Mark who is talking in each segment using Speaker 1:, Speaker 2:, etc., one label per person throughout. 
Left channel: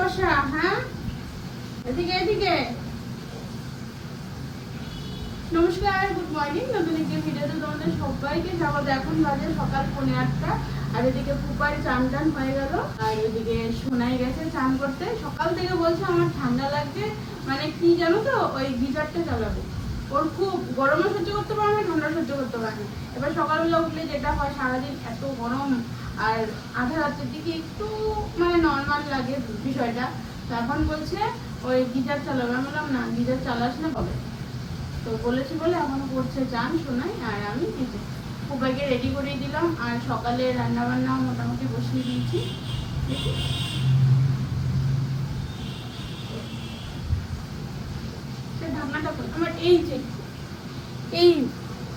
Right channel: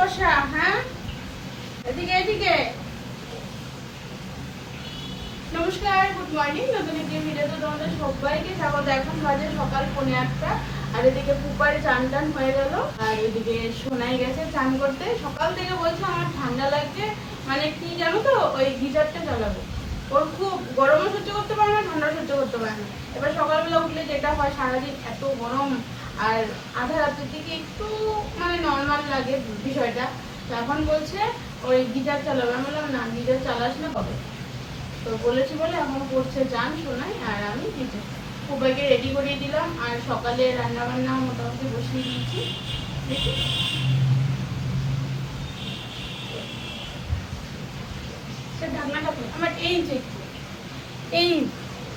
Speaker 1: বসা হ্যাঁ? এদিকে এদিকে। নমস্কার গুড মর্নিং নতুন একটি ভিডিওতে তোমাদের সবাইকে স্বাগত। এখন বাজে সকাল আটটা। আর এদিকে পুপার চান টান হয়ে গেল। আর গেছে চান করতে। সকাল থেকে বলছে আমার ঠান্ডা লাগছে। মানে কি জানো তো? ওই গিজারটা চালাবে। ওর খুব গরমও সহ্য করতে পারে না ঠান্ডা সহ্য করতে পারে এবার সকালবেলা উঠলে যেটা হয়, সারাদিন এত গরম। আর আধা রাতের দিকে একটু মানে নর্মাল লাগে বিষয়টা। তো এখন বলছে ওই গিজার চালাবে। আমি বললাম, না গিজার চালাস না কবে? তো বলেছি বলে এখন করছে চান শোনাই আর আমি গিজার সবাইকে রেডি করে দিলাম আর সকালে রান্না বান্না মোটামুটি বসিয়ে দিয়েছি। আমার এই যে, এই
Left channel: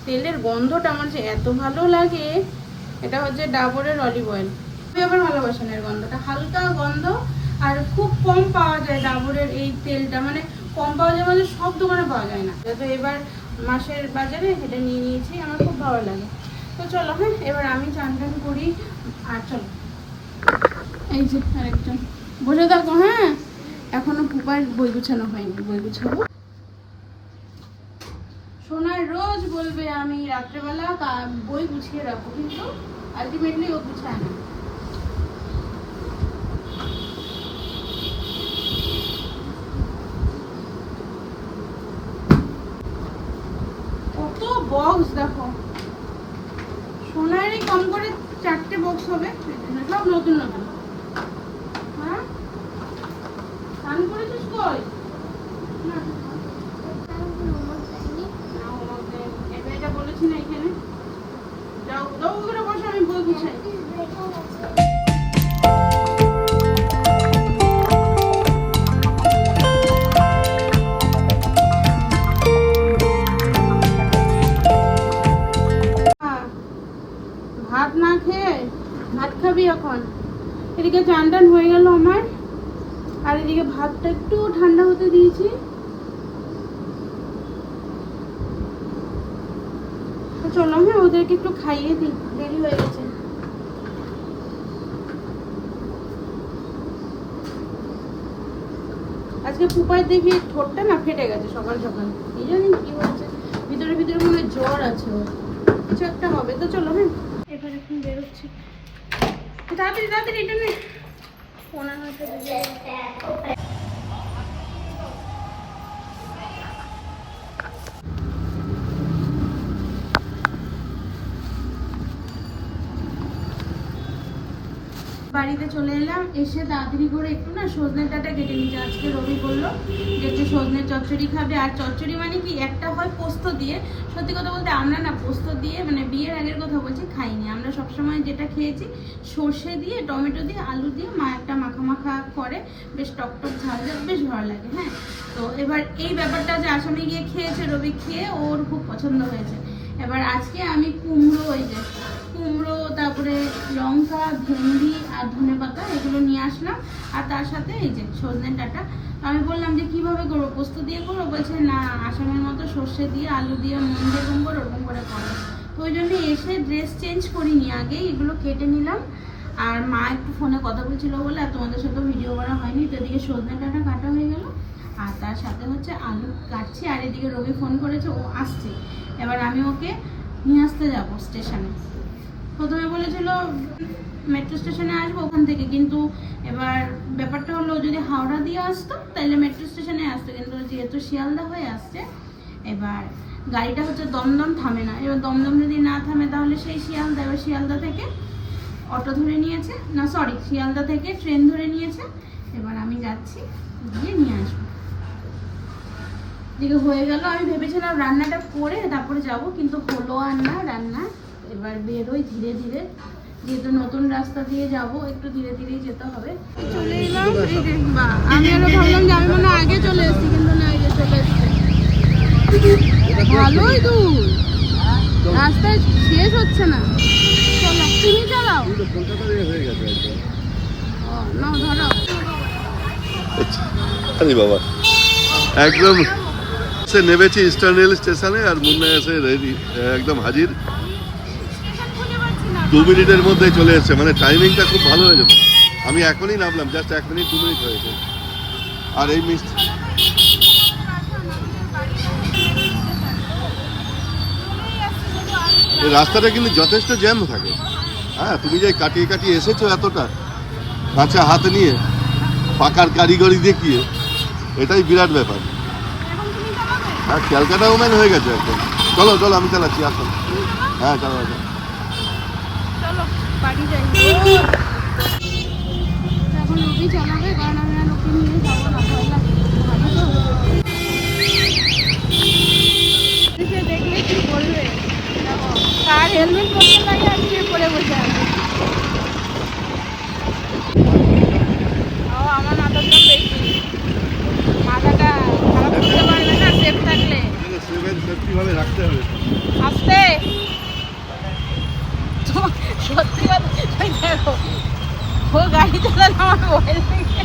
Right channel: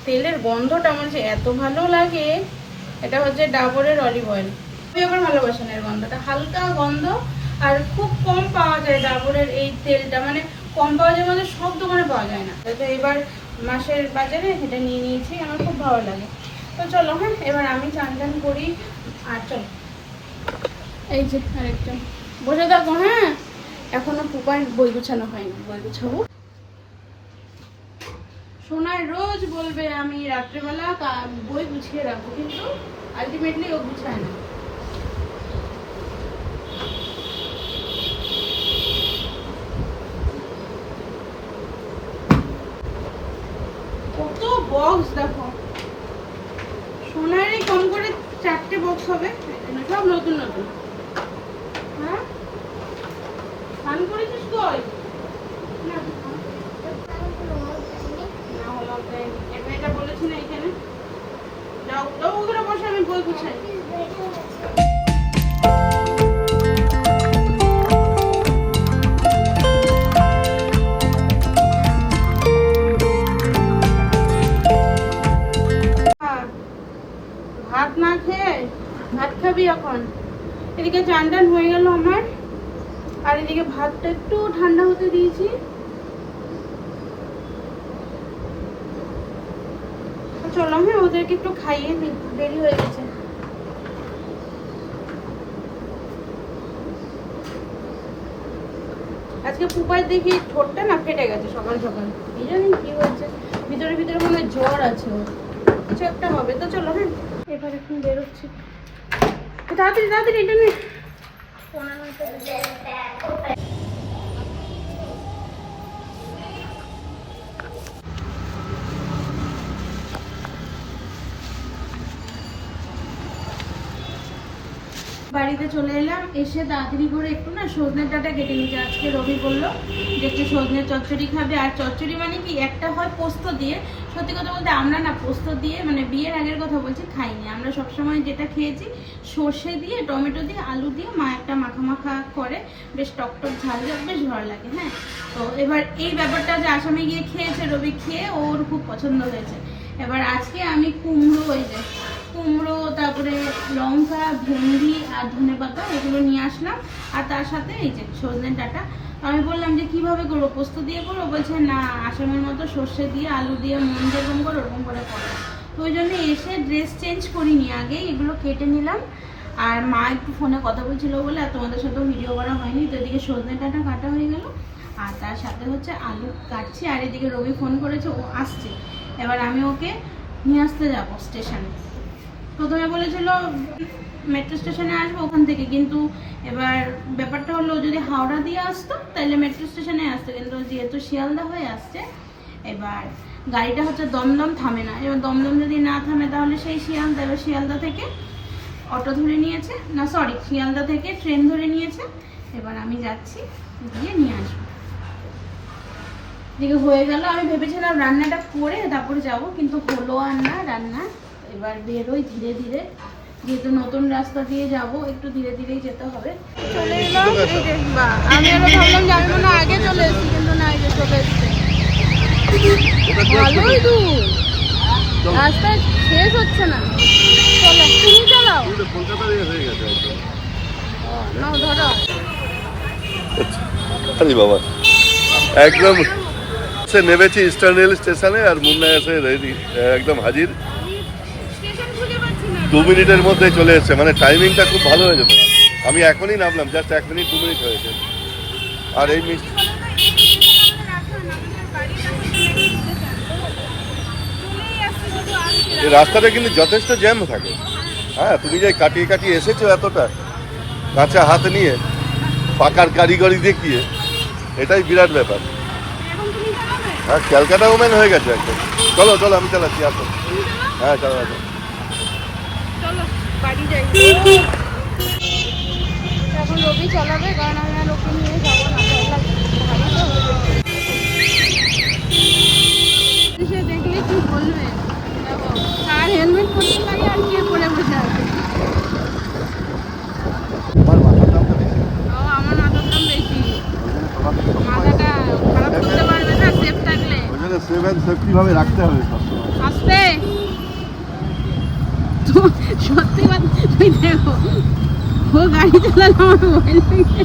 Speaker 1: তেলের গন্ধটা আমার এত ভালো লাগে। এটা হচ্ছে ডাবরের অলিভ অয়েল। আমি আমার ভালোবাসেন এর গন্ধটা। হালকা গন্ধ আর খুব কম পাওয়া যায় ডাবরের এই তেলটা। মানে কম পাওয়া যায় মানে সব দোকানে পাওয়া যায় না। তো এবার মাসের বাজারে এটা নিয়ে নিয়েছি, আমার খুব ভালো লাগে। তো চলো হ্যাঁ এবার আমি চান টান করি। আর চলো। এই যে আরেকটা। বসে থাকো হ্যাঁ। এখনও পুপার বই গুছানো হয়নি। বই গুছাবো সোনার রোজ বলবে, আমি রাত্রেবেলা বই গুছিয়ে রাখব। কিন্তু আলটিমেটলি ও গুছায় না। কত সোনারই কম করে চারটে বক্স হবে সব নতুন নতুন। ভাত না খেয়ে ভাত খাবি এখন? এদিকে চান টান হয়ে গেল আমার। আর এদিকে ভাতটা একটু ঠান্ডা হতে দিয়েছি। চলো হ্যাঁ ওদেরকে একটু খাইয়ে দিই। দেরি হয়ে গেছে। আজকে পুপার দেখি ঠোঁটটা না ফেটে গেছে সকাল সকাল। এই জানি কি হচ্ছে। ভিতরে ভিতরে মনে জ্বর আছে। কিছু একটা হবে। তো চলো হ্যাঁ। এবার এখন বেরোচ্ছি। তাড়াতাড়ি তাড়াতাড়ি এটা নেই পনেরো নয়টা বাড়িতে চলে এলাম, এসে তাড়াতাড়ি করে একটু না সজনে ডাটা কেটে নিয়েছে। আজকে রবি বলল যে একটু সজনে চচ্চড়ি খাবে। আর চচ্চড়ি মানে কি? একটা হয় পোস্ত দিয়ে। সত্যি কথা বলতে আমরা না পোস্ত দিয়ে মানে বিয়ের আগের কথা বলছি, খাইনি। আমরা সবসময় যেটা খেয়েছি, সর্ষে দিয়ে, টমেটো দিয়ে, আলু দিয়ে, মা একটা মাখা মাখা করে। বেশ টক টক ঝাল ঝাল, বেশ ভালো লাগে হ্যাঁ? তো এবার এই ব্যাপারটা যে আসামে গিয়ে খেয়েছে রবি, খেয়ে ওর খুব পছন্দ হয়েছে। এবার আজকে আমি কুমড়ো ওই যে কুমড়ো, তারপরে লঙ্কা, ভেন্ডি আর ধনে পাতা, এগুলো নিয়ে আসলাম। আর তার সাথে এই যে সজনে ডাটা। আমি বললাম যে, কীভাবে করব? পোস্ত দিয়ে করব বলছে, না, আসামের মতো সর্ষে দিয়ে, আলু দিয়ে মন যেরকম করে, ওরকম করে করে। তো ওই জন্য এসে ড্রেস চেঞ্জ করিনি। আগেই এগুলো কেটে নিলাম। আর মা একটু ফোনে কথা বলছিল বলে, আর তোমাদের সাথেও ভিডিও করা হয়নি। তো এদিকে সজনে ডাটা কাটা হয়ে গেল। আর তার সাথে হচ্ছে আলু কাটছি। আর এদিকে রবি ফোন করেছে, ও আসছে। এবার আমি ওকে নিয়ে আসতে যাব স্টেশনে। প্রথমে বলেছিল মেট্রো স্টেশনে আসব ওখান থেকে, কিন্তু এবার ব্যাপারটা হলো যদি হাওড়া দিয়ে আসতো, তাহলে মেট্রো স্টেশনে আসতো, কিন্তু যেহেতু শিয়ালদা হয়ে আসছে, এবার গাড়িটা হচ্ছে দমদম থামে না। এবার দমদম যদি না থামে, তাহলে সেই শিয়ালদা, এবার শিয়ালদা থেকে অটো ধরে নিয়েছে, না সরি শিয়ালদা থেকে ট্রেন ধরে নিয়েছে। এবার আমি যাচ্ছি, গিয়ে নিয়ে আসব। দিকে হয়ে গেল, আমি ভেবেছিলাম রান্নাটা করে তারপরে যাব, কিন্তু হলো আর না রান্না। এবার বেরোই ধীরে ধীরে। যেহেতু নতুন রাস্তা দিয়ে যাব একটু ধীরে ধীরেই যেতে হবে। চলে এলাম এই যে বা আমি আরও ভাবলাম যে আমি মনে আগে চলে এসেছি কিন্তু না আগে চলে এসেছি। ভালোই দূর। রাস্তায় শেষ হচ্ছে না। চলো তুমি চালাও। নাও ধরো।
Speaker 2: আরে বাবা একদম সে নেমেছি ইস্টার্ন রেল স্টেশনে আর মুন্না এসে রেডি একদম হাজির। দু মিনিটের মধ্যে চলে এসছে। মানে টাইমিংটা খুব ভালো হয়ে যেত। আমি এখনই নামলাম জাস্ট এক মিনিট, দু মিনিট হয়েছে। আর এই মিষ্টি রাস্তাটা কিন্তু যথেষ্ট জ্যাম থাকে। হ্যাঁ তুমি যে কাটিয়ে কাটিয়ে এসেছ এতটা কাঁচা হাতে নিয়ে, পাকার কারিগরি দেখিয়ে, এটাই বিরাট ব্যাপার। হ্যাঁ ক্যালকাটা ওম্যান হয়ে গেছে একদম। চলো চলো, আমি চালাচ্ছি, আসো। হ্যাঁ চলো
Speaker 1: যাই এখন রবি চালাবে কারণ আমি আর ওকে নিয়ে যাব না ভয় ভারী তো সে দেখলে কি বলবে? দেখো কার হেলমেট পরতে লাগে আর কে পরে বসে আছে? আমার মাথার দাম বেশি। মাথাটা খারাপ করতে পারবে না সেফ থাকলে।
Speaker 2: সেভেন সেফটি রাখতে হবে
Speaker 1: আসতে। তো সত্যি কথা ওই দেখো ও গাড়ি চালালে আমার ভয় লাগে।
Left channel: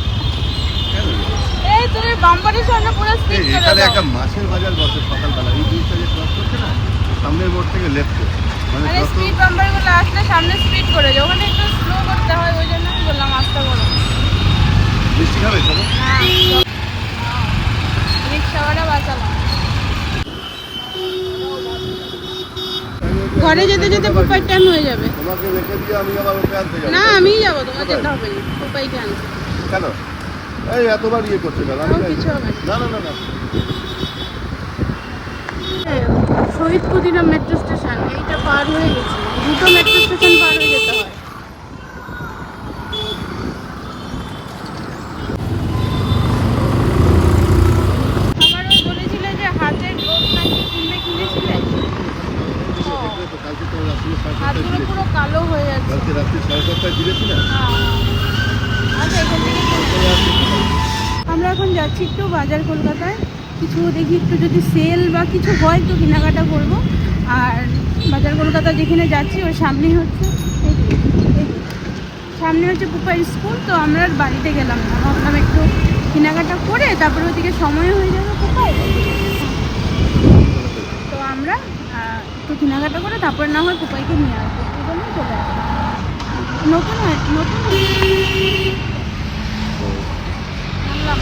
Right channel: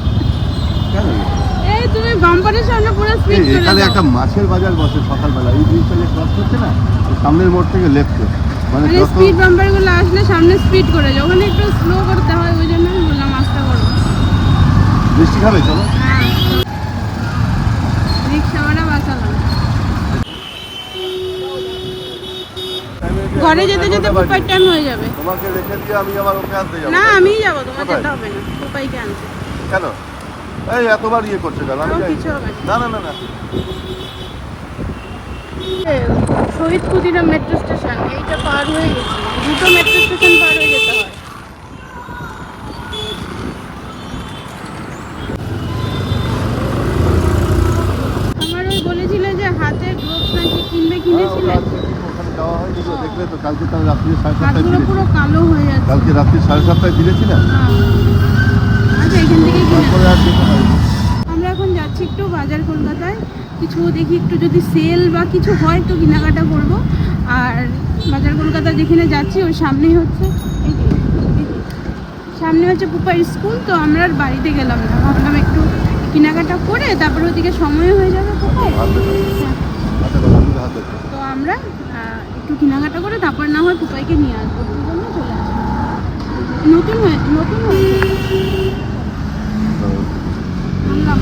Speaker 1: এই তুমি বাম্পারের সামনে পুরো স্পিড করে
Speaker 2: এখানে একটা মাছের বাজার বসে সকালবেলা। এই জিনিসটা যে ক্রস করছে না এই সামনের মোড় থেকে লেফটে মানে
Speaker 1: মানে স্পিড বাম্পারগুলো আসলে সামনে স্পিড করে যায়। ওখানে একটু স্লো করতে হয় ওই জন্য আমি বললাম আস্তে করো
Speaker 2: বৃষ্টি হবে চলো।
Speaker 1: না রিক্সাওয়ালা বাঁচালাম। ঘরে যেতে যেতে বুকের টাইম হয়ে যাবে।
Speaker 2: তোমাকে রেখে দিয়ে আমি আবার ওকে আনতে যাব
Speaker 1: না। আমিই যাব তোমাকে যেতে হবে না বুপাই কেন?
Speaker 2: কেন এই এতবার ইয়ে করতে গেলাম আমি
Speaker 1: কিছু হবে
Speaker 2: না। না না
Speaker 1: শহীদ ক্ষুদিরাম মেট্রো স্টেশন এইটা পার হয়ে গেছে। দুটো মেট্রো স্টেশন পার হয়ে যেতে হয় আমার ওই বলেছিলে যে হাতের গ্লোভস নাকি কিনবে কিনেছিলে
Speaker 2: খাওয়া হয়ে গেছে, দেখলে তো কালকে তো রাত্রি সাড়ে সাতটায়
Speaker 1: পুরো কালো হয়ে যাচ্ছে।
Speaker 2: কালকে রাত্রি সাড়ে সাতটায় দিয়েছিলাম
Speaker 1: হ্যাঁ। আচ্ছা এখান
Speaker 2: পারি
Speaker 1: আমরা এখন যাচ্ছি একটু বাজার কলকাতায়। কিছু দেখি একটু যদি সেল বা কিছু হয় একটু কেনাকাটা করব। আর বাজার কলকাতা যেখানে যাচ্ছি ওর সামনেই হচ্ছে সামনে হচ্ছে পুপার স্কুল তো আমরা আর বাড়িতে গেলাম না। ভাবলাম একটু কেনাকাটা করে তারপরে ওদিকে সময় হয়ে যাবে পুপায় হ্যাঁ। তো আমরা একটু কেনাকাটা করে তারপর না হয় কুপাইকে নিয়ে আসব। দুই জন্য চলে আসব নতুন হয়ে নতুন হয়ে নামলাম।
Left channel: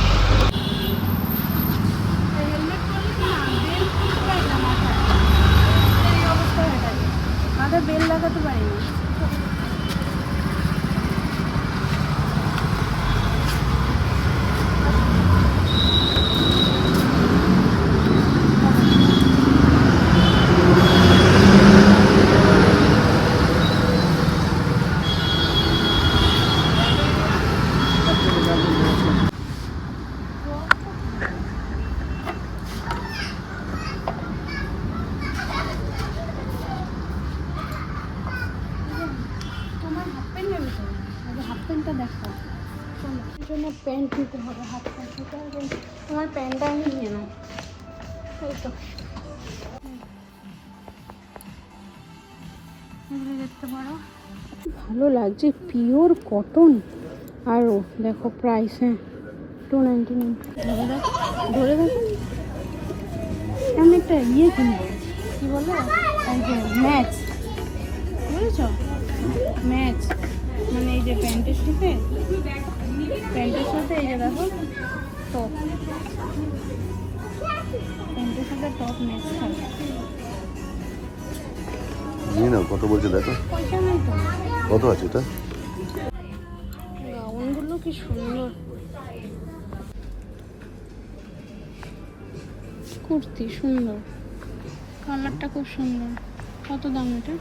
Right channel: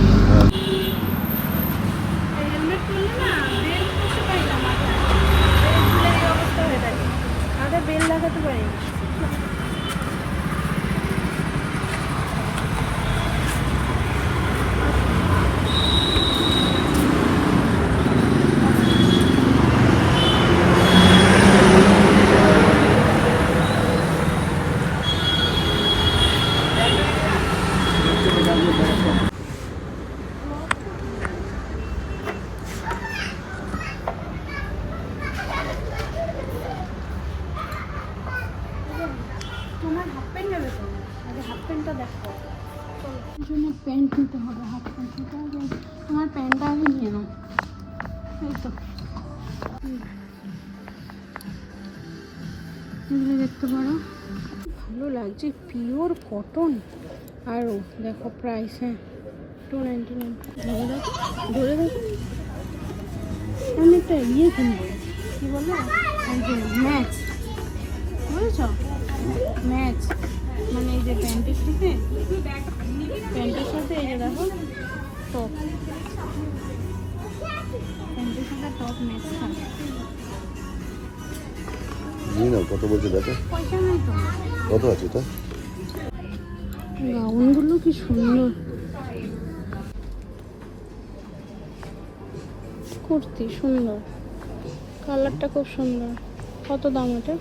Speaker 1: বেল করতে পারি না মাথায়। বেল খুলে এই অবস্থা হয়ে থাকে। মাথায় বেল লাগাতে পারি না। তোমার হাফ প্যান্ট নেবে তো? এই যে হাফ প্যান্টটা দেখো চলো, এর জন্য প্যান্ট নিতে হবে হাফ প্যান্ট সেটা আগে তোমার প্যান্টটা আগে নিয়ে নাও। এই তো। দেখতে পারো। ভালো লাগছে, পিওর কটন আরও দেখো প্রাইস হ্যাঁ। টু নাইনটি নাইন ধরে আমি একটা ইয়ে কিনবো কী বলে? এই যে ম্যাচ। বুঝেছ? ম্যাচ। মানে এই যে প্যান্টের সাথে। প্যান্টের সাথে এই যে দেখো টপ প্যান্টের সাথে টপ ম্যাচ থাকে
Speaker 2: নিয়ে নাও কত বলছে দেখো।
Speaker 1: পয়সা নেই তো।
Speaker 2: কত আছে এটা?
Speaker 1: গাউনগুলো কি সুন্দর। কুর্তি সুন্দর। কালারটা খুব সুন্দর। কত দাম এটা?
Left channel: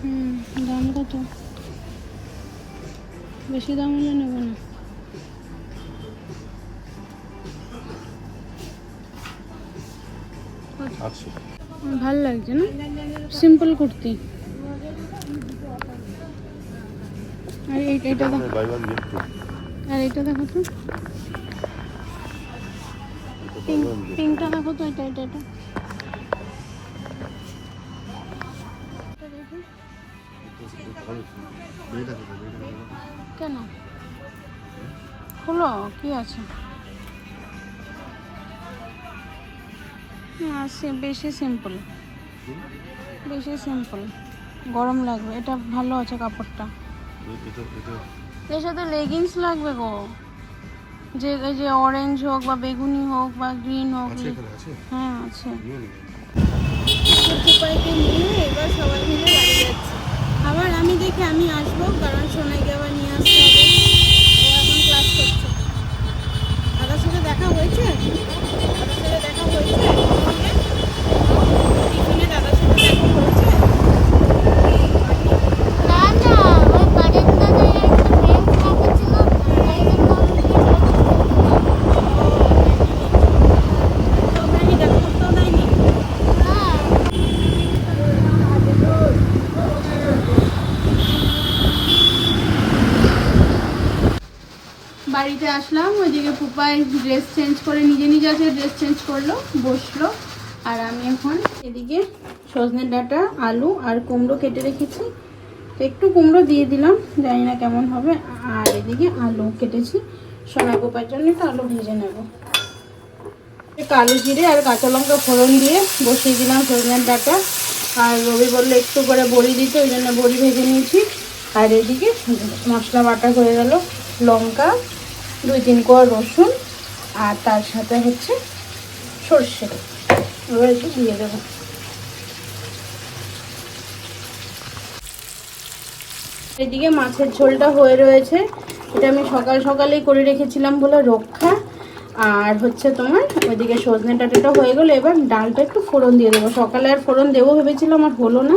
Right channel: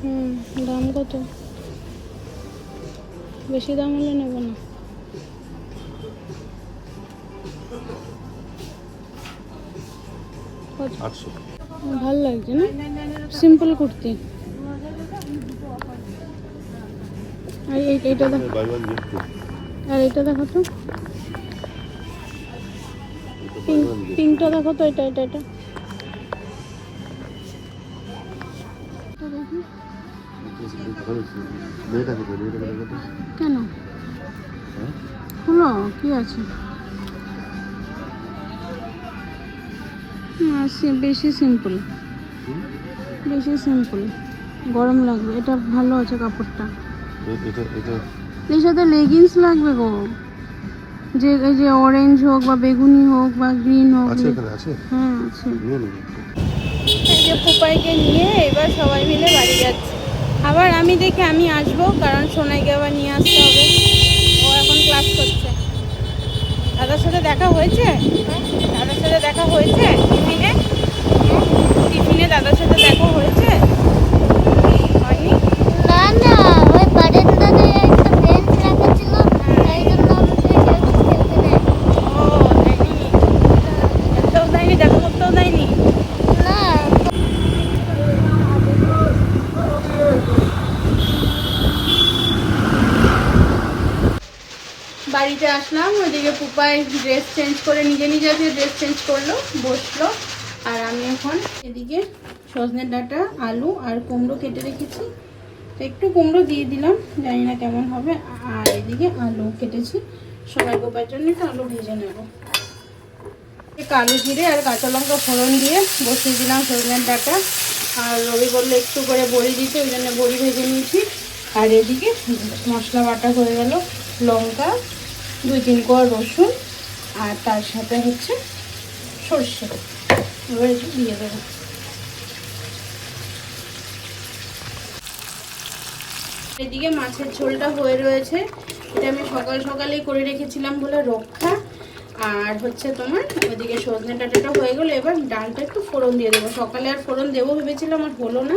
Speaker 1: হুম দাম কত? বেশি দাম হলে নেব না।
Speaker 2: আটশো
Speaker 1: ভালো লাগছে না? সিম্পল কুর্তি। আর এই এইটা দেখো। আর এটা দেখো তো। পিঙ্ক পিঙ্কটা দেখো তো এটা এটা এটা। কেন? খোলো কি আছে? বেশি সিম্পল বেশি সিম্পল গরম লাগবে এটা ভালো আছে কাপড়টা। এর সাথে লেগিংস লাগবে গো। যে এই যে অরেঞ্জ হোক বা বেগুনি হোক বা গ্রিন হোক।
Speaker 2: আছে
Speaker 1: হ্যাঁ আছে। এই যে পুপাইকে নিয়ে এবার সবাই মিলে বাড়ি যাচ্ছে। আবার আমি দেখে আমি আসব কারণ সোনাইকে আবার নিয়ে আসতে হবে ও এখন ক্লাস করছে দাদার সাথে দেখা হয়েছে দাদার সাথে দেখা হয়েছে টিফিনে টিফিনে দাদার সাথে দেখা হয়েছে হয়নি
Speaker 3: না না ওই বারান্দাতে একটা বেঞ্চ রাখা ছিল তাই জন্য আমাকে কেউ খেলতে দেয়
Speaker 1: ও তাইনি খেলতেও দেয়নি দেখা করতেও দেয়নি
Speaker 3: না
Speaker 1: বাড়িতে ওইদিকে পুপাই ড্রেস চেঞ্জ করে নিজে নিজে আজকে ড্রেস চেঞ্জ করল, বসল। আর আমি এখন এদিকে সজনে ডাটা, আলু আর কুমড়ো কেটে রেখেছি। তো একটু কুমড়ো দিয়ে দিলাম, জানি না কেমন হবে। আর এদিকে আলু কেটেছি। সোনা পোপার জন্য একটু আলু ভেজে নেব। কালো জিরে আর কাঁচা লঙ্কা ফোড়ন দিয়ে বসিয়ে দিলাম সজনের ডাটা। আর রবি বলল একটু করে বড়ি দিতে, ওই জন্য বড়ি ভেজে নিয়েছি। আর এদিকে মশলা বাটা হয়ে গেল, লঙ্কা দুই তিন কোয়া রসুন আর তার সাথে হচ্ছে সর্ষে। এবার একটু দিয়ে দেবো। এদিকে মাছের ঝোলটা হয়ে রয়েছে। এটা আমি সকাল সকালেই করে রেখেছিলাম বলে রক্ষা। আর হচ্ছে তোমার ওইদিকে সজনে ডাঁটাটা হয়ে গেলো। এবার ডালটা একটু ফোড়ন দিয়ে দেবো। সকালে আর ফোড়ন দেবো ভেবেছিলাম, আর হলো না।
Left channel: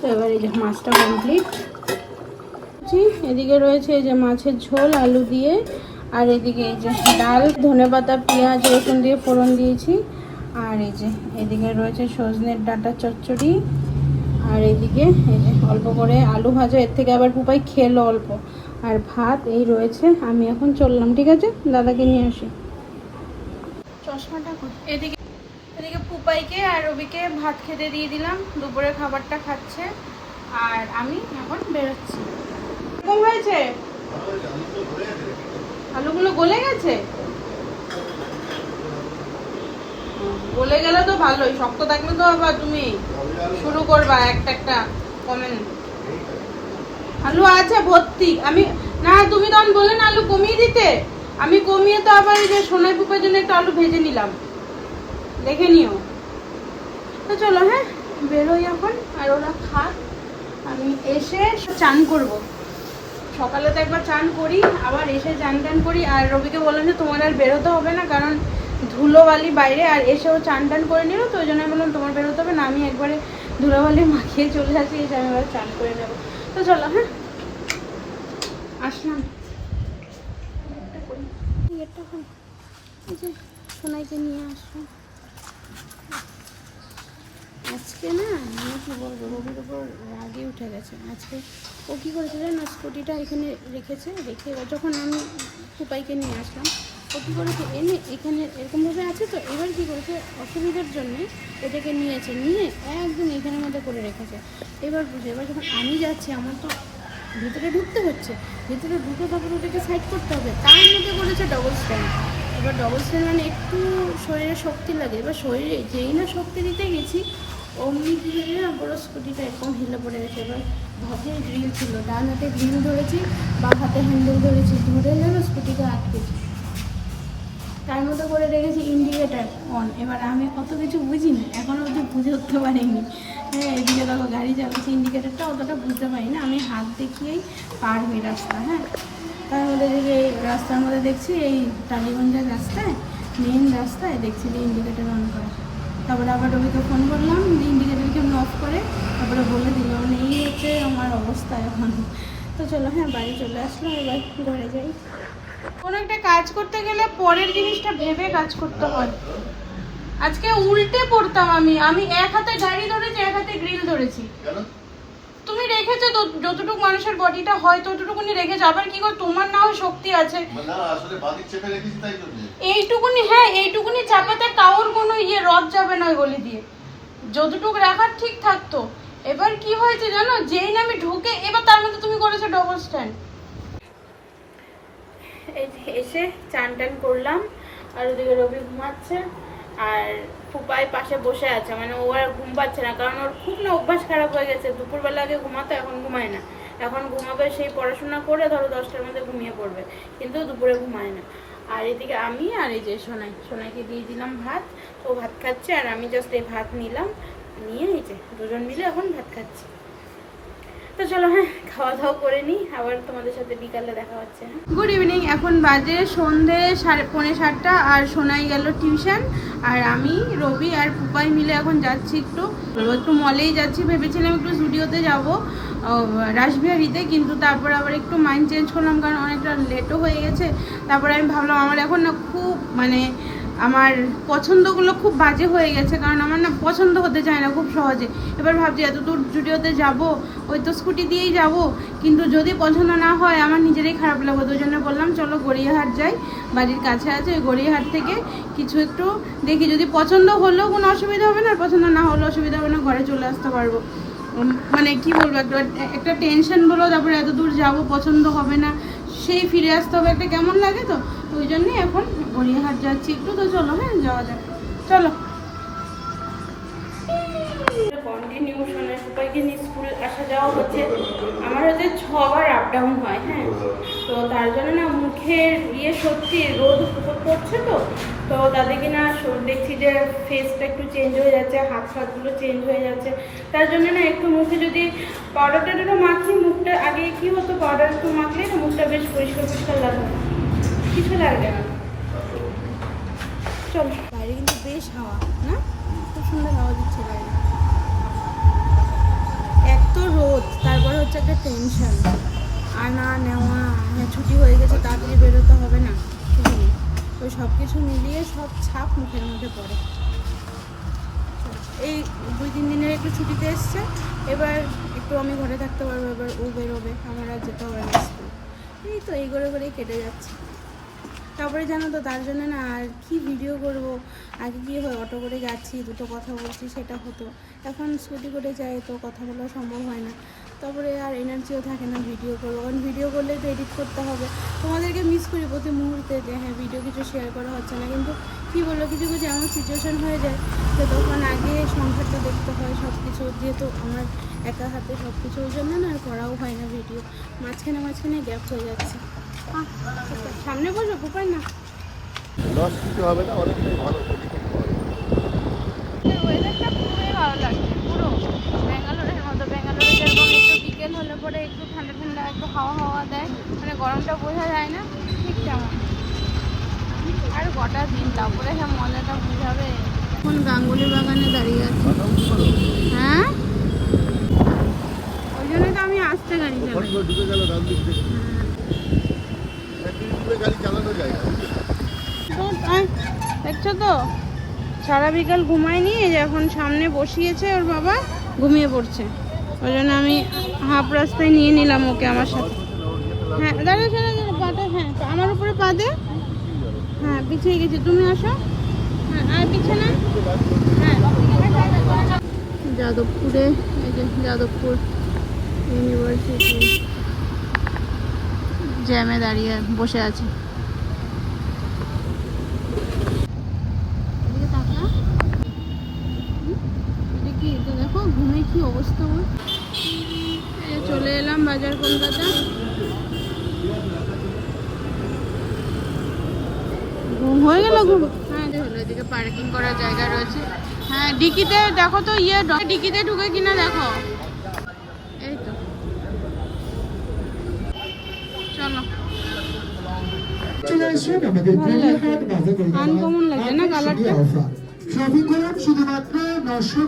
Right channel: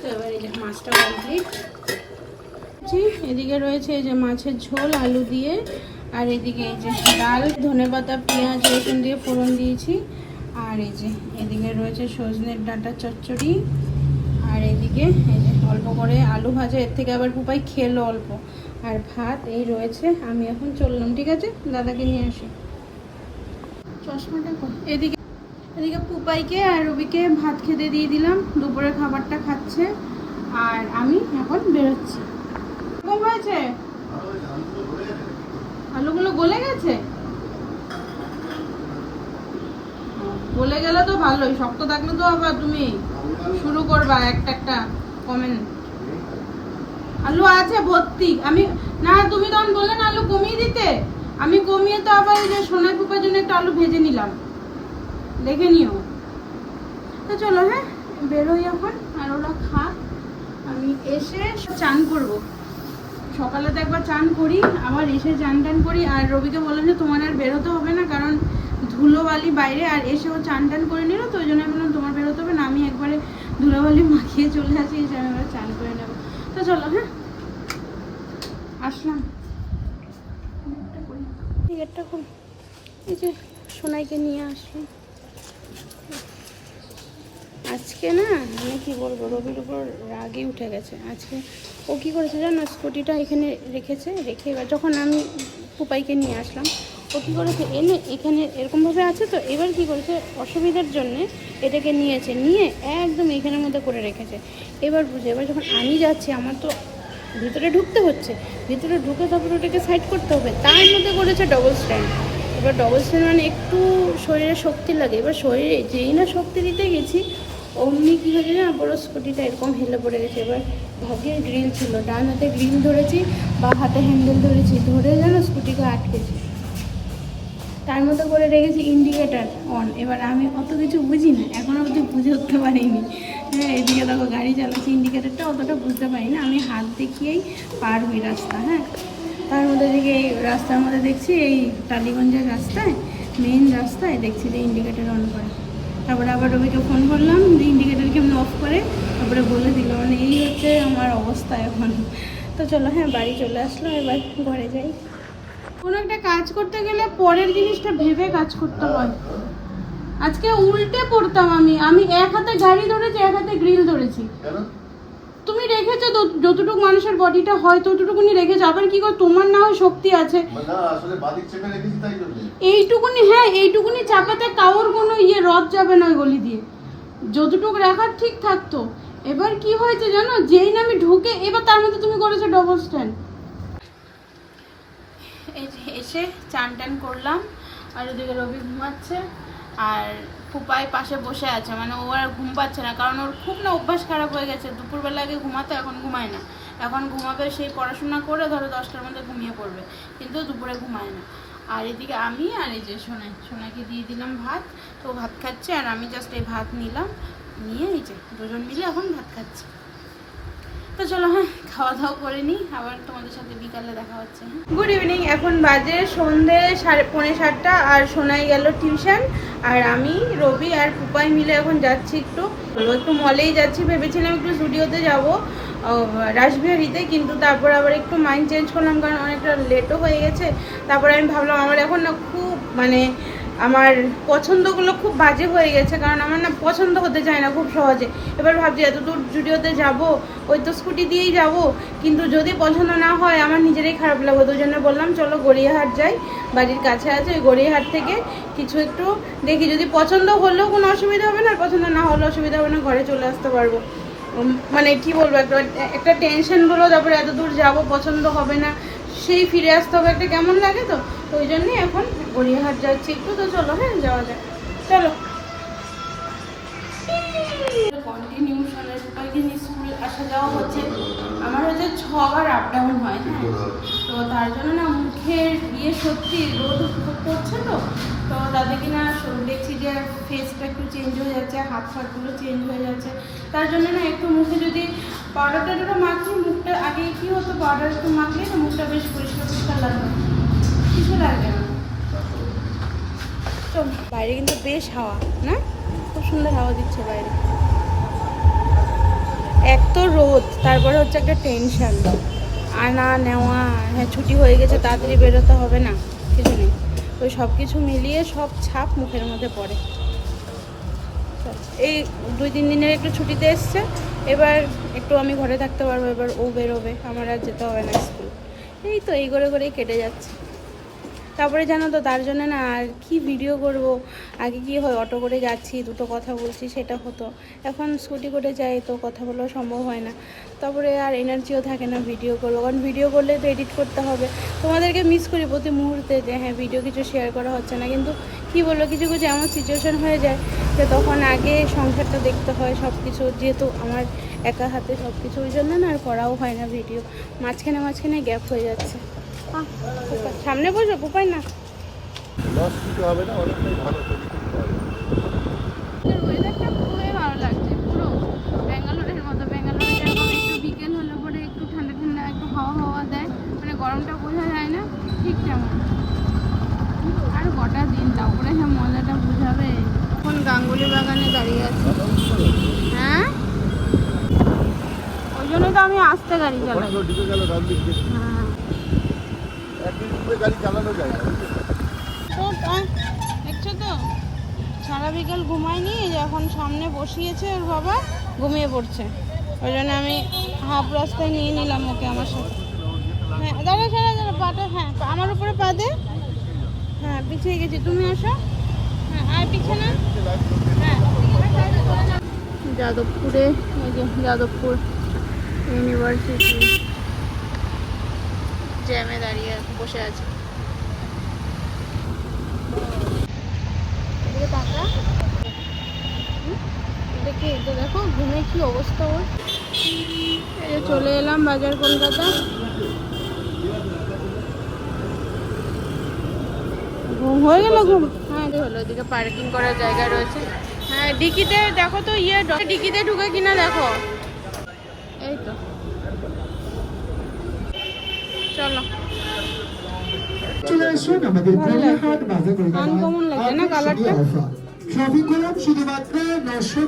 Speaker 1: তো এবার এই যে মাছটা কমপ্লিট এদিকে রয়েছে এই যে মাছের ঝোল, আলু দিয়ে। আর এদিকে এই যে ডাল ধনেপাতা পেঁয়াজ, রসুন দিয়ে ফোড়ন দিয়েছি। আর এই যে এদিকে রয়েছে সজনের ডাঁটা চচ্চড়ি। আর এদিকে অল্প করে আলু ভাজা, এর থেকে আবার পুপাই খেলো অল্প। আর ভাত, এই রয়েছে, আমি এখন চললাম, ঠিক আছে? দাদাকে নিয়ে আসি। চশমাটা? এদিকে এদিকে পুপাইকে আর রবিকে ভাত খেতে দিয়ে দিলাম, দুপুরে খাবারটা খাচ্ছে। আর আমি এখন বেরোচ্ছি। কেমন হয়েছে? আলুগুলো গলে গেছে? গলে গেলে তো ভালোই, শক্ত থাকলে তো আবার তুমি শুরু করবা একটা একটা কমেন। আলু আছে ভর্তি, আমি না, তুমি তখন বললে না আলু কমিয়ে দিতে। আমি কমিয়ে তো আবার এই যে সোনাই পুপার জন্য একটা আলু ভেজে নিলাম। দেখে নিও। তো চলো হ্যাঁ বেরোই এখন, আর ওরা খা। আমি এসে চান করব। সকালে তো একবার চান করি, আবার এসে চান টান করি। আর রবিকে বললাম যে তোমার আর বেরোতে হবে না, কারণ ধুলোবালি বাইরে, আর এসেও চান টান করে নিল তো, ওই জন্য বললাম তোমার বেরোতে হবে না, আমি একবারে ধুলোবালি মাখিয়ে চলে আসি, এসে আমি এবার চান করে নেব। তো চলো হ্যাঁ? আসলাম। সোনাইকে নিয়ে আসলাম আজকে না মানে কি বলব, রবির উপর রাগে উঠে গেছে। আজকে ও কি করেছে জানো? স্কুটিটা এখানে রেখেছে, রেখে এবার যখন আমি পুপাইকে নিয়ে আসলাম, ও কী করেছে? এনে এখানে এরকমভাবে আছে তো, এবার কি করেছে? অসুবিধার জন্য এটাকে নিয়েছে, নিয়ে একদম এইখানের মধ্যে করে রেখেছে। এবার বুঝে, এবার যখন আমি যাচ্ছি, আমার তো ভিতরে ঢুকতে হচ্ছে। ভিতরে ঢুকে তারপরে ওটাকে সাইড করতে হবে। তার মধ্যে করেছে ডবল স্ট্যান্ড এবার ডবল স্ট্যান্ড মানে একটু শরীরে শক্তি লাগে। এবার শরীরে যেই না শক্তি দিতে গেছি অমনি কী হয়েছে না বড় স্কুটিটা এরকম হেলে পড়ে গেছে। এবার ভাগ্যের গ্রিল ছিল। ডান হাতে গ্রিল ধরেছি, বা হাতে হ্যান্ডেল ধরেছি। ধরে যেন স্কুটিটা আটকেছি। তার মতো করে রেখেছি ইন্ডিকেটার অন এবার আমি অত কিছু বুঝি না এখনও কিছু বুঝে উঠতে পারিনি। হ্যাঁ এদিকে দেখো গাড়ি চালাচ্ছি। ইন্ডিকেটারটা অতটা বুঝতে পারি না আমি হাত দেখিয়েই পার হই রাস্তা হ্যাঁ। তার মধ্যে দেখি এই রাস্তার মধ্যে দেখছি, এই টালিগঞ্জের রাস্তায় মেইন রাস্তায় দেখছি যে ইন্ডিকেটার অন করে। তারপরে আবার রবিকে ফোন করলাম যে ইন্ডিকেটার কেমন অফ করে তারপরে বলে দিল মানে এই হচ্ছে আমার অবস্থা এখন। তো চলো হ্যাঁ বাড়ি চলে আসলো এবার ঘরে যাই। কোনো একটা কাজ করতে গেলে পরের জিনিসটা ভেবে কাজ করতে হয়। আজকে উল্টে পড়তাম আমি আমি এক হাতে গাড়ি ধরেছি এক হাতে গ্রিল ধরেছি। তুমি রেখেছো যতটুকু মানুষের বডিটা হয় ততটুকুনি রেখেছো আবার কি কর তোমার না হয় শক্তি আছে। এইটুকুনি হ্যাঁ এইটুকুনি চাপাতে কাউর কোনো ইয়ে রদ যাবে না গলি দিয়ে। যতটুকু রাখার ঠিক থাকতো। এবার কি হয়েছে জানো? যেই না আমি ঢুকে, এবার তার মধ্যে তুমি করেছ ডবল স্ট্যান্ড এসে চান টান করলাম, আর ওদিকে রবি ঘুমাচ্ছে, আর ফুপাই পাশে বসে আছে। মানে ও আর ঘুম পাচ্ছে না, কারণ ওর খুব না অভ্যাস খারাপ হয়ে গেছে। দুপুরবেলা আগে ঘুমাতো, এখন ঘুমায় না। এখন ঘুমাবে, সেই পড়াশোনা করে ধরো দশটার মধ্যে ঘুমিয়ে পড়বে, কিন্তু দুপুরে ঘুমায় না। আর এদিকে আমি আর এই যে সোনাই সোনাইকে দিয়ে দিলাম ভাত। তো ভাত খাচ্ছে আর আমি জাস্ট এই ভাত নিলাম। নিয়ে এই যে দুজন মিলে এখন ভাত খাচ্ছি। তো চলো হ্যাঁ খাওয়া দাওয়া করে নিই। আবার তোমাদের সাথে বিকালে দেখা হচ্ছে গুড ইভিনিং এখন বাজে সন্ধে সাড়ে, পৌনে সাতটা, আর সোনাই গেল টিউশন। আর আমি, রবি আর পুপাই মিলে এখন যাচ্ছি একটু। একটু মলেই যাচ্ছি, ভেবেছিলাম একটু স্টুডিওতে যাব রাসবিহারিতে, কিন্তু তারপর আবার একটু মাইন্ড চেঞ্জ করলাম, কারণ অনেকটা লেটও হয়ে গেছে। তারপরে আমি ভাবলাম, আমার এখন না খুব মানে আমার পছন্দগুলো খুব বাজে হয়ে গেছে, কারণ আমার না পছন্দ হতে চায় না খুব সহজে। এবার ভাবছি এত দূর জুডিওতে যাব, ওই তো স্কুটি দিয়েই যাব, কিন্তু যদি পছন্দ না হয়, আমার নিজেরই খারাপ লাগবে। ওই জন্য বললাম, চলো গড়িয়াহাট যাই, বাড়ির কাছে আছে ওই গড়িয়াহাট থেকে কিছু একটু দেখি। যদি পছন্দ হলেও কোনো অসুবিধা হবে না, আর পছন্দ না হলেও অসুবিধা হবে না, ঘরে চলে আসতে পারব। মানে কি বলব একটা একটা টেনশন টেনশনগুলো তারপরে এত দূর যাব, পছন্দ হবে না। সেই ফিরে আসতে হবে একটা কেমন লাগে তো? ওই জন্যই এখন গড়িয়াহাট যাচ্ছি। একটু তো চলো হ্যাঁ যাওয়া যাক। চলো। কন্টিনিউ সোনার উপায়কে নিয়ে স্কুল আসা যাওয়া হচ্ছে। আমার হচ্ছে ছবার আপ ডাউন হয় হ্যাঁ। তো তার জন্য না মুখের ইয়ে সত্যি রোদ পড়ছে তো। তো তাদের কি না দেখছি যে ফেসটা একটু চেঞ্জ হয়ে যাচ্ছে, হাত ফাতগুলো চেঞ্জ হয়ে যাচ্ছে। তার জন্য না একটু মুখে যদি পাউডারটা একটু মাখি, মুখটা আগে কি হতো পাউডার একটু মাখলে না মুখটা বেশ পরিষ্কার পরিষ্কার লাগবে কিছু লাগবে না। চল, বাইরে কিন্তু বেশ হাওয়া, না? খুব সুন্দর হাওয়া দিচ্ছে বাইরে। এক তো রোদ, তারপরে হচ্ছে একটা টেনশন আনা নেওয়া হ্যাঁ ছুটি হয়ে গেছে, তাড়াতাড়ি বেরোতে হবে না, কিছু নেই। ওই সব কিছু মিলিয়ে সব ছাপ মুখের মধ্যে পড়ে। এই দুই, তিন দিনের একটু ছুটিতে এসছে, এবার একটু আমি ঘরে থাকতে পারব, এবার ও বেরোবে, আমার আর যেতে হবে না স্কুল। এই তো, এই করে করেই কেটে যাচ্ছে। তারপরে জানো তো, তার জন্য না আর কি ভিডিও করব? আগে কি হয়, অটো করে যাচ্ছি, দুটো কথা বলছি, সেটা হতো। এখন স্কুটি করে যাই তো কথা বলা সম্ভব হয় না। তারপরে আর এনার্জিও থাকে না ভিডিও করব, কারণ ভিডিও করলে তো এডিট করতে হবে। তোমাদেরকে মিস করি প্রতি মুহূর্তে যে হ্যাঁ ভিডিও কিছু শেয়ার করা হচ্ছে না। কিন্তু কি বলব, কিছু কিছু এমন সিচুয়েশন হয়ে যায় যে তখন আগে সংসারটা দেখতে হয় সব কিছু যেহেতু আমার একা হাতে সব কিছু ওই জন্য না আর করাও হয় না ভিডিও মাঝখানে মাঝখানে গ্যাপ হয়ে যাচ্ছে। সামনে বসো উপায় না।
Speaker 2: লস কিছু হবে না অনেকটাই ভালো পজিশন পাওয়া যাবে।
Speaker 1: ওয়েদারটা খুবই ভালো লাগছে পুরো। ব্যাঙ্গালোরের মতো ব্যাঙ্গালোরে যেরকম একটু বিকেল হলে পরে একটু ঠান্ডা ঠান্ডা একটু হাওয়া হাওয়া দেয় মানে গরমটা বোঝা যায় না ঠিক তেমন। আর গোটা দিন তারপরে হ্যাঁ মজাটা বুঝাবে। এখন গাঙ্গুলি বাগানে দাঁড়িয়ে আছি। হ্যাঁ? ওই জন্য তো আমি আসতে
Speaker 2: গেল
Speaker 1: তো দেখছ তো? সারা বিকাল ঘুমায়নি এখন সামনে বসিয়েছে ওর বাবা, ঘুমিয়ে পড়ছে। ওই জন্য আমি হাফ রাস্তায় নিয়ে নিলাম ওকে আমার সাথে। হ্যাঁ দাঁড়া দাঁড়া দাঁড়া পাটা হ্যাঁ আমার উপরে পা দে। হ্যাঁ পিছিয়ে গেছি, তুমি আসো। হ্যাঁ আর পিছনে হ্যাঁ। যাদবপুরে, এই যে যাদবপুর ইউনিভার্সিটি। জ্যামে দাঁড়িয়ে বসে আছে? দেখি তো দেখো ঘুমে কি অবস্থা ওর? চলে এলাম বাজার কলকাতা। ঘুম হয়ে গেল ঘুম? হ্যাঁ হলো এদিকে পার্কিং করার জায়গা রয়েছে। হ্যাঁ ডিকিতে দেখো তো ইয়ে ডিকিতে ঢুকে কিনা দেখো এই তো চলো।
Speaker 4: চলে আসুন আমাদের গড়িয়াহাট বাজার
Speaker 1: কালারটা?
Speaker 4: শপিং করুন শুধুমাত্র নশো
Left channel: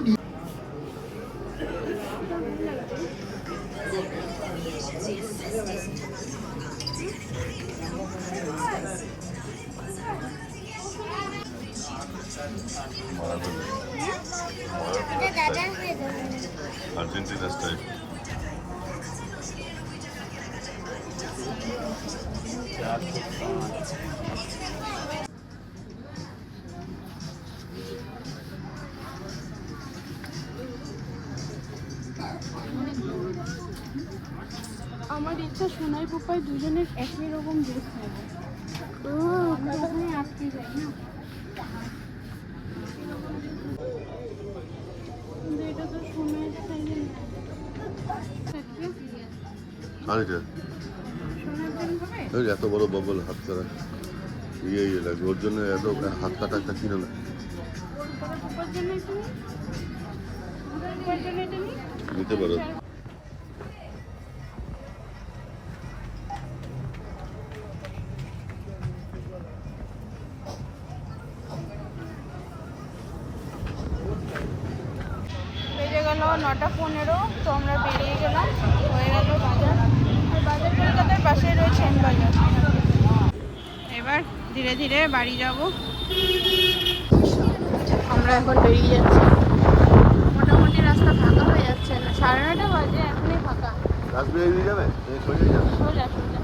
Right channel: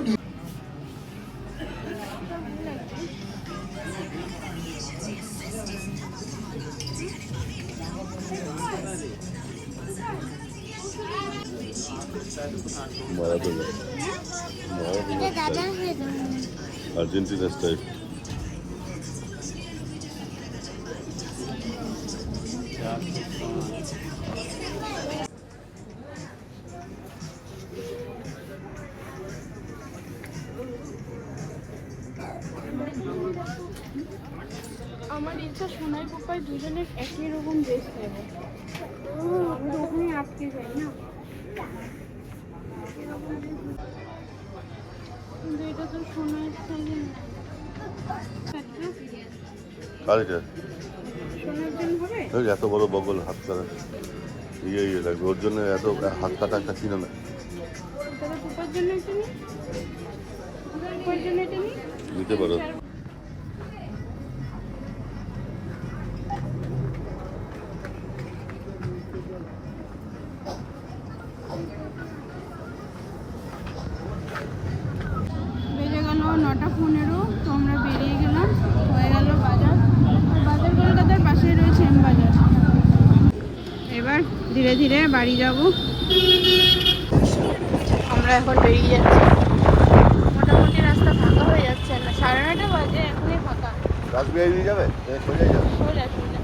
Speaker 2: মারাদোনা মারাদোনা আর্জেন্টিনা স্টাইল।
Speaker 1: আমার ইচ্ছা সোনাই পাপাই দুজনের একই রকম ড্রেস ওখানে যায় না? সোনার
Speaker 2: এত বড় বগল হাত করে ইয়ে ইয়ে লাগবে ওর জন্য এত হাত কাটা একটা কিনে না। নিতে পারো
Speaker 1: বেজে গেল নটা পনেরো তো আমরা বেরিয়ে গেলাম হয়ে গেল বাজার আর বাজার কলকাতার পাশে রয়েছে এম বাজার এবার ধীরে ধীরে বাড়ি যাব। আমরা এখন বেরিয়ে যাচ্ছি। মোটামুটি রাস্তা ফাঁকা হয়ে যাচ্ছে না। সাড়ে নটা বাজে এখনই ফাঁকা।
Speaker 2: রাসবিহারি নিয়ে যাবে? সোজা যাবে।
Speaker 1: সোজা সোজা।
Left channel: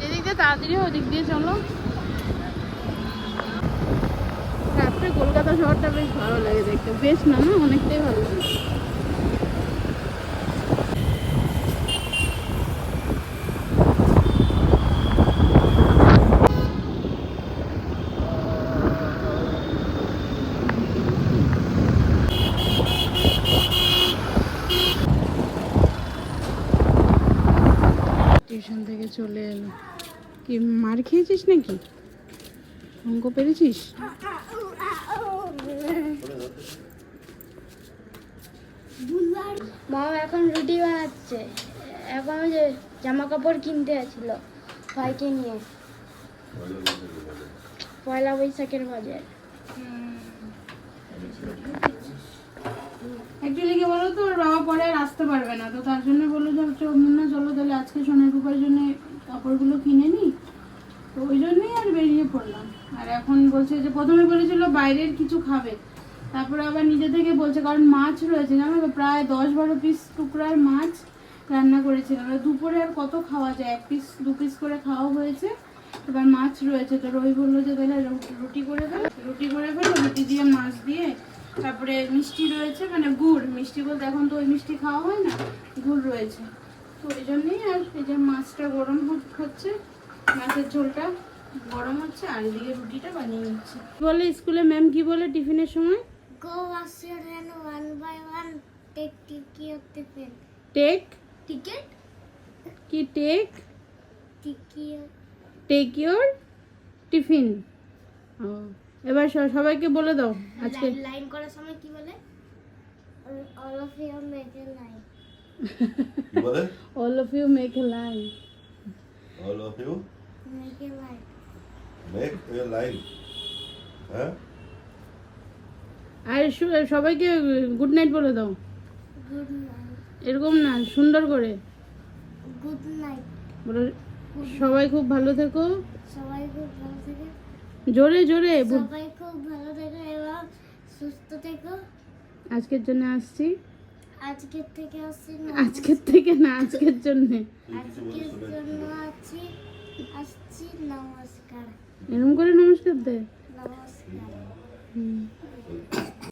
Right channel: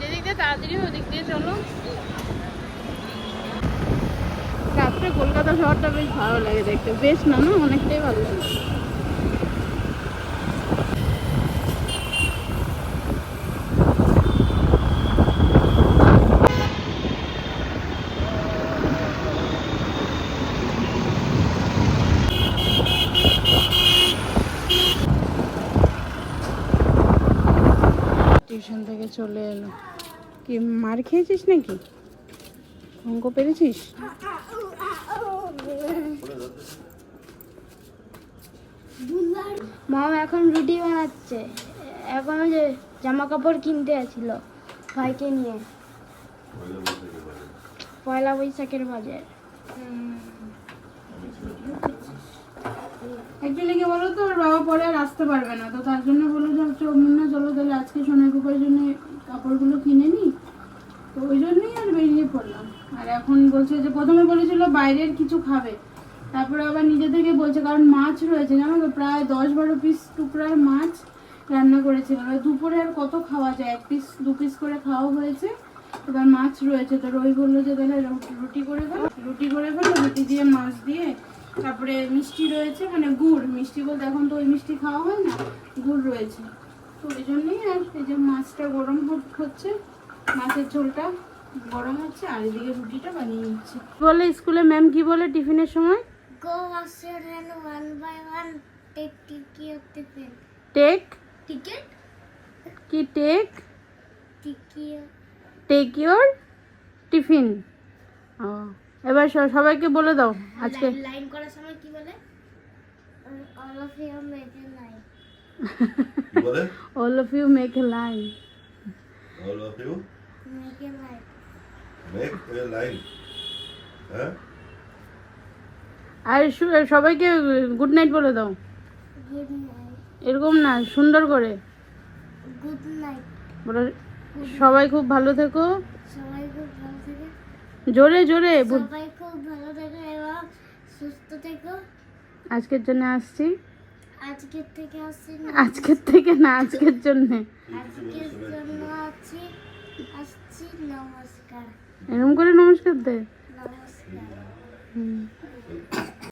Speaker 1: যেদিক দিয়ে তাড়াতাড়ি ওদিক দিয়ে চলো। রাত্রে কলকাতা শহরটা বেশ ভালো লাগে দেখতে। বেশ না না? অনেকটাই ভালো লাগে। টিউশন থেকে চলে এলো। কি, মার খেয়েছিস নাকি? অঙ্ক পেরেছিস?
Speaker 3: মম এখন রুটি বানাচ্ছে। এখন যে জামা কাপড় কিনতে আসছিল ভাইকে নিয়ে। পয়লা বৈশাখের বাজে
Speaker 1: বলো তো পরে আর আসতে পারবে না। তো তার জন্য বলল যে হচ্ছে না চলো তাহলে আজকে সোনার কুপার জন্য কাপড়গুলো কিনে নিই তো ওই জন্যই আর বেরিয়ে পড়লাম। আর এখন বলছে যে, প্রথমে বলেছিল বাইরের কিছু খাবে। তারপরে আবার নিজে থেকে বলছে, কারণ মাছ রয়েছে, জানো? প্রায় দশ বারো পিস টুকরার মাছ রান্না করেছিল। দুপুরে আর কত খাওয়া যায়? এক পিস দু পিস করে খাওয়া হয়েছে। এবার মাছ রয়েছে। তো রবি বলল যে, তাহলে রুটি করে ফেলো। রুটি করে ফেলো, রুটি দিয়ে মাছ দিয়ে তারপরে মিষ্টি রয়েছে মানে গুড়। মিষ্টি বলতে এখন তো ওই মিষ্টি খাওয়া হয় না গুড় রয়েছে। তো ওই জন্যই আর এই যে মাছটা গরম হচ্ছে মাছের ঝোলটা গরম হচ্ছে আর এদিকে রুটিটা বানিয়ে নিচ্ছে। বলে স্কুলে ম্যাম কি বলে টিফিনের সময়?
Speaker 3: Go hand one by one take ticket tiffin
Speaker 1: take
Speaker 3: ticket
Speaker 1: কি take
Speaker 3: ticket
Speaker 1: take your tiffin ও। এবার সবাইকে বলে দাও আজকে।
Speaker 3: লাইন করার সময় কি বলে? All of you make a line
Speaker 2: কি বলে?
Speaker 1: All of you make a line
Speaker 2: all of you
Speaker 3: make a line
Speaker 2: make a line হ্যাঁ?
Speaker 1: আর সবাইকে গুড নাইট বলে দাও।
Speaker 3: গুড নাইট
Speaker 1: এরকম না সুন্দর করে।
Speaker 3: গুড নাইট
Speaker 1: বলো সবাই খুব ভালো থেকো।
Speaker 3: সবাই খুব ভালো থেকে।
Speaker 1: জোরে জোরে
Speaker 3: সবাই খুব ভালো থেকো এবং সুস্থ থেকো।
Speaker 1: আজকের জন্য আসছি।
Speaker 3: আজকের থেকে আসছি না।
Speaker 1: আজকের থেকে না আজকের জন্য।
Speaker 3: আজকের জন্য আছি আসছি নমস্কার।
Speaker 1: এরকম করে নমস্কার দে।
Speaker 3: নমস্কার।
Speaker 1: হুম।